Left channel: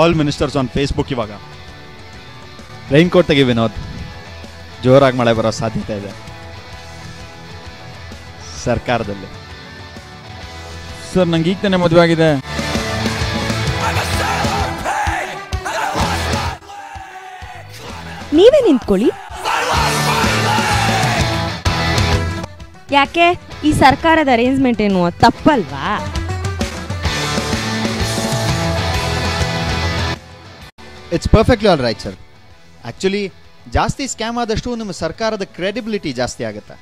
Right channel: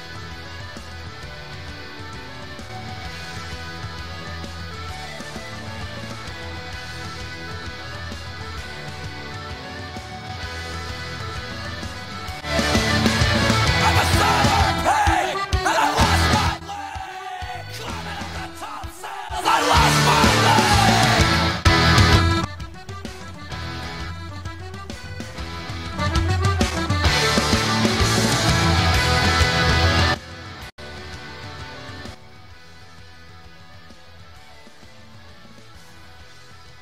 All ministers on Facebook ಇವಾಗ. Rain coat ತೆಗಿ ವಿನೋದ್, ಜೋರಾಗಿ ಮಳೆ ಬರೋ ಸಾಧ್ಯತೆ ಇದೆ ಸರ್ಕಾರದಲ್ಲಿ. ಸರ್ ನಂಗೆ ಈಗ ತಾನೇ ಮದುವೆ ಆಗಿದೆ. ನೀವೇ ನಿಂತ್ಕೊಳ್ಳಿ. ಯಾಕೆ ಈ ಸರ್ಕಾರದ ಅರೇಂಜ್ಮೆಂಟ್ ಏನು ತಪ್ಪಲ್ವಾ? It's perfectly all right sir. Actually ಜಾಸ್ತಿ ಸ್ಕ್ಯಾಮ್ ಆದಷ್ಟು ನಮ್ಮ ಸರ್ಕಾರದ ಕ್ರೆಡಿಬಿಲಿಟಿ ಜಾಸ್ತಿ ಆಗುತ್ತೆ.